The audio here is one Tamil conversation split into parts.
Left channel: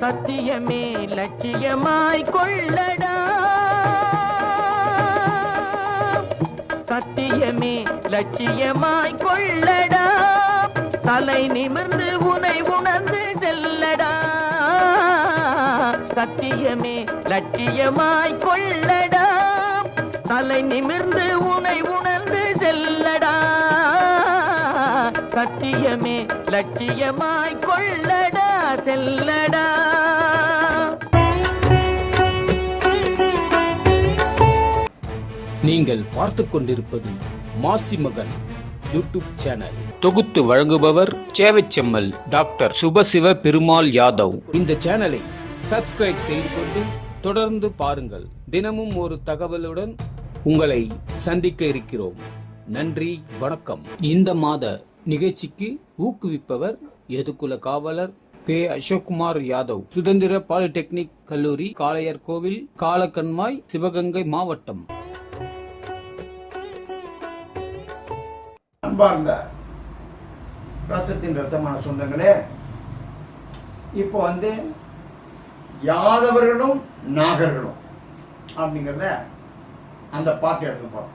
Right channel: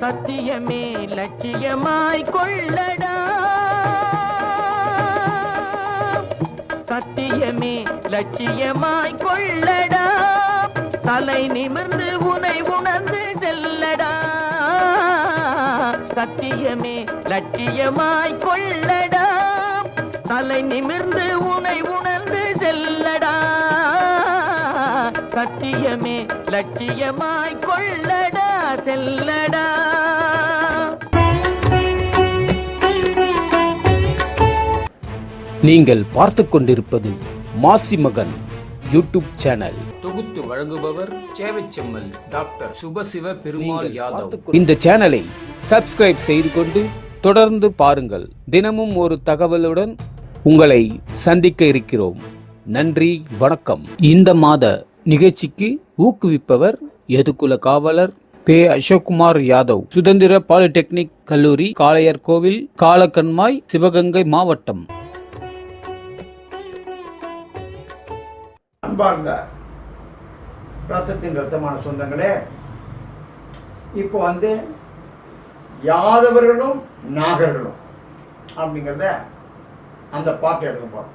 சத்தியமே லட்சியமாய் கொள்ளடா, சத்தியமே லட்சியமாய் கொள்ளடா, தலை நிமிர்ந்து உனை உணர்ந்து செல்லடா, சத்தியமே லட்சியமாய் கொள்ளடா, தலை நிமிர்ந்து உனை உணர்ந்து செல்லடா, சத்தியமே லட்சியமாய் கொள்ளடா செல்லடா. நீங்கள் பார்த்து கொண்டிருப்பது மாசிமகன் யூடியூப் சேனல். தொகுத்து வழங்குபவர் சேவைச்செம்மல் டாக்டர் சுபசிவ பெருமாள் யாதவ். இந்த சேனலை சப்ஸ்கிரைப் செய்து கொண்டு தொடர்ந்து பாருங்கள். தினமும் ஒரு தகவலுடன் உங்களை சந்திக்க இருக்கிறோம். நன்றி, வணக்கம். இந்த மாத நிகழ்ச்சிக்கு ஊக்குவிப்பவர் எதுகுல காவலர் பே. அசோக்குமார் யாதவ், சுதந்திர பாலிடெக்னிக் கல்லூரி, காளையர் கோவில், காலக்கண்மாய், சிவகங்கை மாவட்டம். அன்பார்ந்த ரத்தத்தின் ரத்தமான சொந்தங்களே, இப்போ யாதவர்களும் நாகர்களும் அப்படிங்கிறத அந்த பாட்டு எடுக்க போறோம்.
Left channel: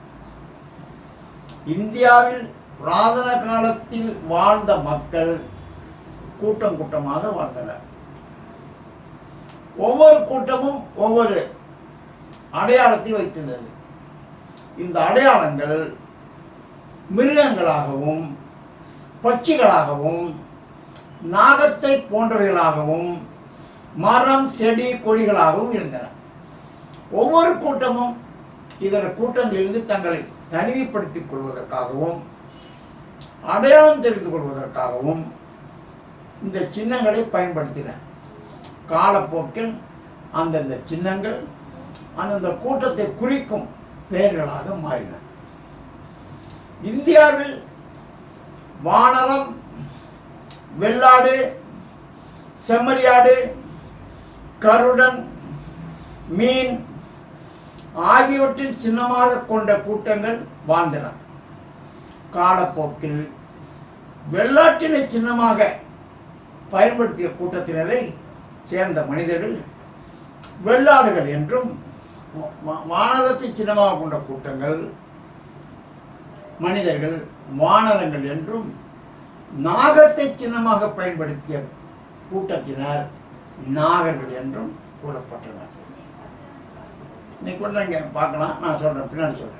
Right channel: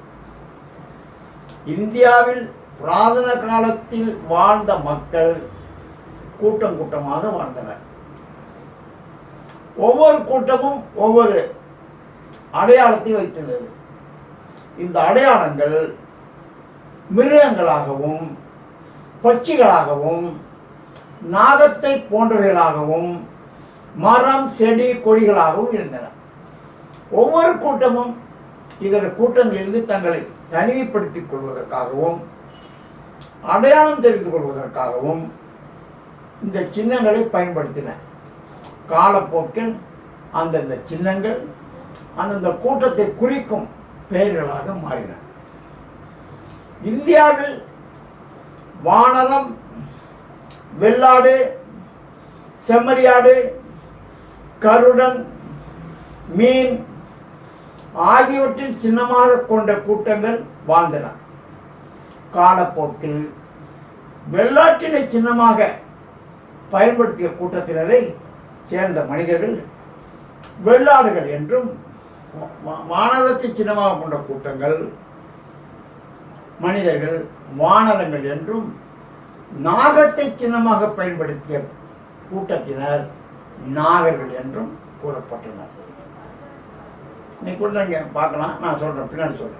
இந்தியாவில் புராதன காலத்தில் வாழ்ந்த மக்கள் கூட்டம் கூட்டமாக வாழ்ந்தனர். ஒவ்வொரு கூட்டமும் ஒவ்வொரு அடையாளத்தை வைத்துள்ளது. இந்த அடையாளங்கள் மிருகங்களாகவும் பட்சிகளாகவும் நாகத்தை போன்றவைகளாகவும் மரம் செடி கொடிகளாகவும் இருந்தன. ஒவ்வொரு கூட்டமும் இதர கூட்டங்களிலிருந்து தங்களை தனிமைப்படுத்திக் கொள்வதற்காகவும் அடையாளம் தெரிந்து கொள்வதற்காகவும் இந்த சின்னங்களை பயன்படுத்தின. காலப்போக்கில் அந்தந்த சின்னங்கள் அந்தந்த கூட்டத்தை குறிக்கும் பெயர்களாக மாறின. இந்தியாவில் வானரம், வெள்ளாடு, செம்மறியாடு, கருடன், மீன் ஆகியவற்றில் சின்னமாக கொண்ட கூட்டங்கள் வாழ்ந்தன. காலப்போக்கில் வெள்ளாட்டினை சின்னமாக பயன்படுத்திய கூட்டத்தினரை சேர்ந்த மனிதர்கள் வெள்ளாடுகள் என்றும், வானரத்தை சின்னமாக கொண்ட கூட்டங்கள் மனிதர்கள் வானரங்கள் என்றும், நாகத்தை சின்னமாக பயன்படுத்திய கூட்டத்தினர் நாகர்கள் என்றும் கூறப்பட்டனர். இன்னைக்கு கூட நீங்க பார்க்கலாம், நான் சொல்றேன், பின்னாடி சொல்றேன்.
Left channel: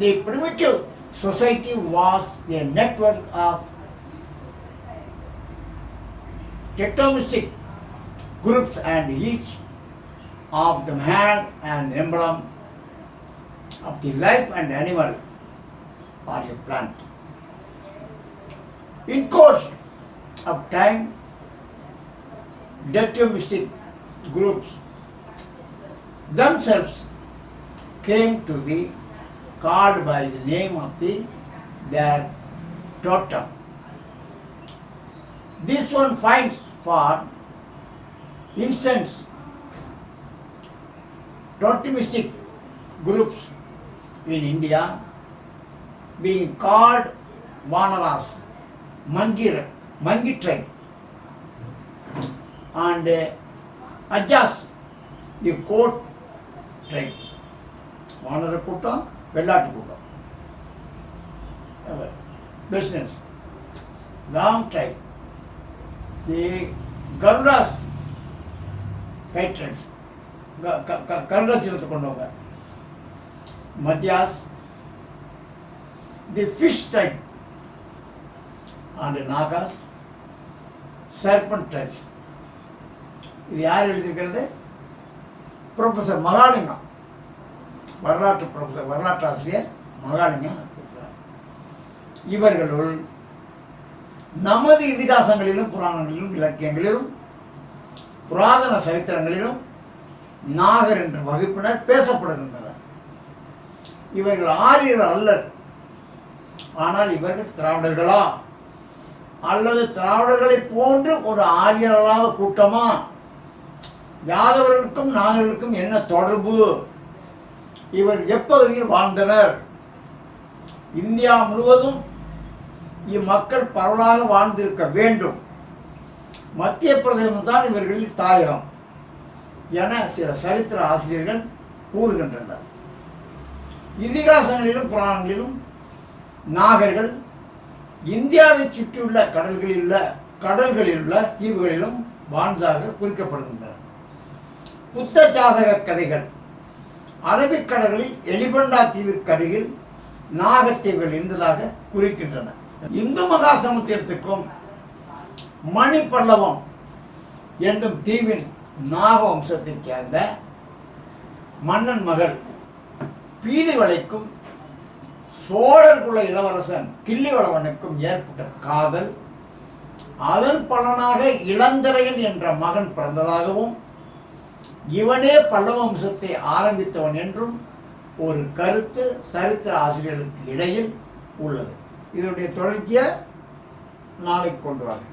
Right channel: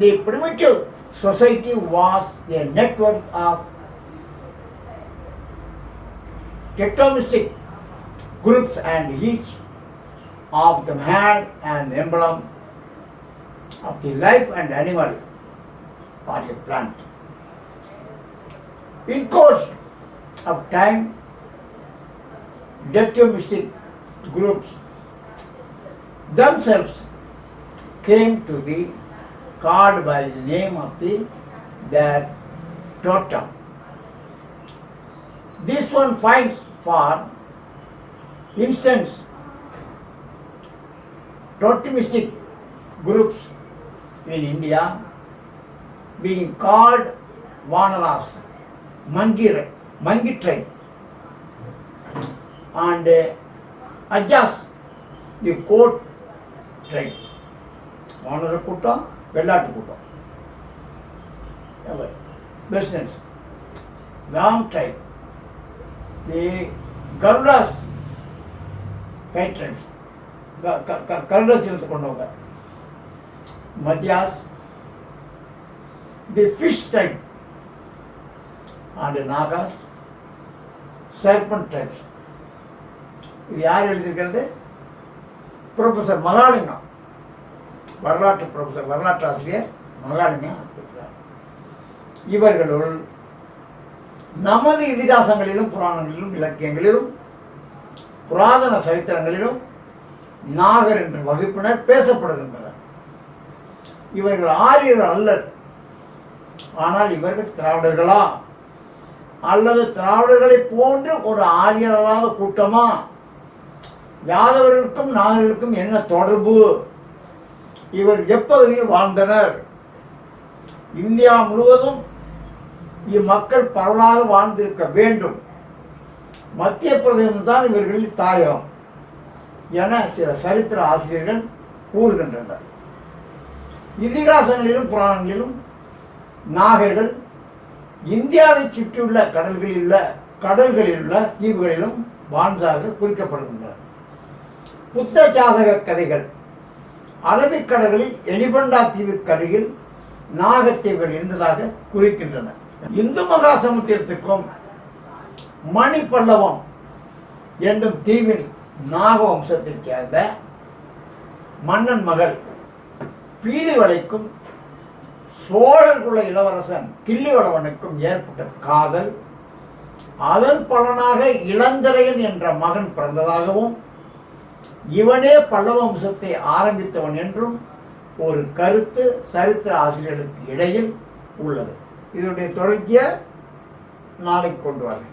The primitive society was a network of tectomistic groups, and each of them had an emblem of the life and animal or a plant. In course of time, tectomistic groups themselves came to be called by the name of their totem. This one finds, for instance, totemistic groups in India being called Vanaras, Mangi tribe, and Ajas, the Coat tribe. Vanara கூட்டம், வெள்ளாட்டு கூட்டம். Business, Ram tribe, the Garudas, kite tribes, Garuda சின்னத்தை கொண்டவங்க. Madhyas, the fish tribe, and Nagas, serpent tribes. இது யார் எழுதியிருக்கிறது? ப்ரொஃபஸர் மகாலிங்கம், வரலாற்று ப்ரொஃபஸர், வரலாற்று ஆசிரியர் மகாலிங்கம். இவர்களுள் நமது இதிகாசங்களிலும் புராணங்களிலும் இலக்கியங்களிலும் புராதன சரித்திரங்களிலும் நாகர் என்ற வகுப்பினர் பேசப்படுகின்றனர். இவர்கள் ஆரியர் அல்லர். ஆனால் இவர்கள் திராவிடர்களா அல்லது திராவிடர்களை போன்று ஒரு ஆரியர் அல்லாத கூட்டமா? யாதவர்களுக்கும் நாகர்களுக்கும் என்ன தொடர்பு? இவர் எப்பகுதியில் வாழ்ந்தனர்? இந்தியா முழுவதும் இம்மக்கள் பரவலாக வாழ்ந்திருக்க வேண்டும். மத்திய பிரதேசம் தான் இவர்களின் தாயகம் என சில சரித்திர ஆசிரியர்கள் கூறுகின்றனர். இதிகாசங்களிலும் புராணங்களிலும் நாகர்கள் இந்தியாவை சுற்றியுள்ள கடல்களில் உள்ள தீவுகளிலும் வாழ்ந்ததாக குறிக்கப்படுகின்றன. புத்த ஜாதக கதைகள் அரபிக்கடலில் எலிபண்டா தீவுக்கு அருகில் நாகத்தீவுகள் இருந்ததாக குறிக்கின்றன. இந்து மகா சமுத்திரத்துக்கும் மணி பல்லவம் என்னும் தீவின் நாக வம்சத்தைச் சேர்ந்த மன்னன் மகள் பீலிவளைக்கும் சோழர் குல இளவரசன் கிள்ளிவளவனுக்கும் ஏற்பட்ட காதல், அதன் பலனாக இளந்திரையன் என்ற மகன் பிறந்ததாகவும் இவனே பல்லவ வம்சத்தை ஆரம்பித்தவன் என்றும் ஒரு கருத்து சரித்திர ஆசிரியர்களுக்கு இடையில் உள்ளது. இதனுடைய தொடர்ச்சியை நாளைக்கு கொண்டு வரேன்.